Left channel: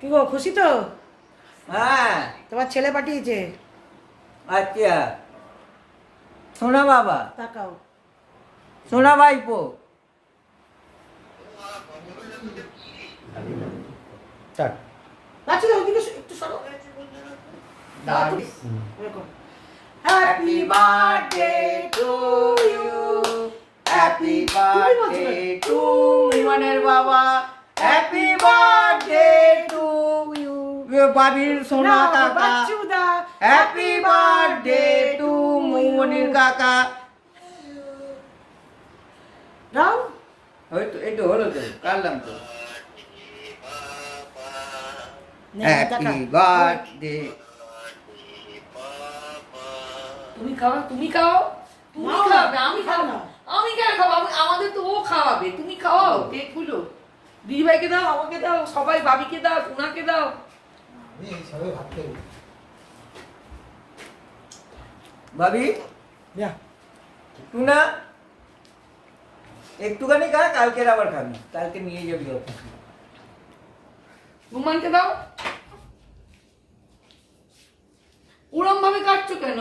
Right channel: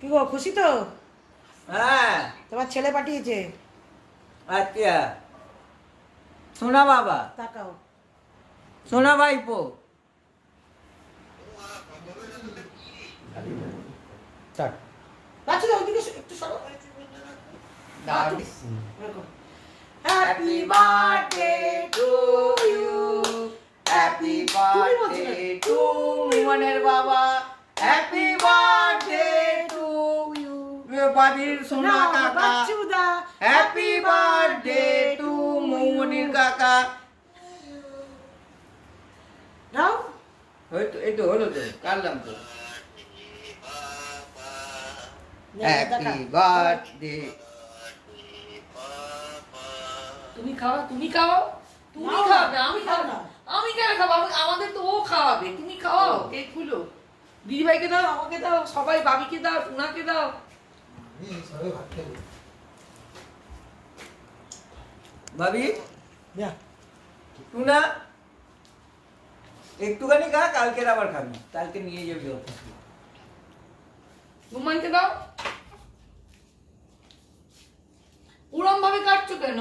কি গো খুশি তো? হ্যাঁ তোমার ছেলে পাঠিয়েছে। আচ্ছা সোনা বাবা তাকাও। সোনা ভাইপো স্টার্ট। বাচ্চা দাও ওদিকে একটু সরো। Happy birthday to you. Happy birthday to মিমনের বাবা হ্যাপি বার্থডে টু ইউ বাবির সোনা কাকা বাচ্চুদা হ্যাপি বার্থডে টু মিমনির কাকা নাও। হয়তো এই তো হলো তো কাটলাম তো হ্যাপি বার্থডে তুমি খাও তুমি খাও তুমি নাও, খাবে আমি খাও খাবো না। না আমি কেন খাবো আমাদের তো ও খাওয়াবে তুমি খাওয়াও কেকগুলো দিদিভাইকে দাও আমাকে দাও সবাই বাবিকে দাও টুনাকে দাও ভাবি যা। টুনা একটুখানি খা কালকের আবার খাবি কালকে নিয়ে যাবি অফিস রুমানকে দাও ওরম ভাবে কাটছো কেন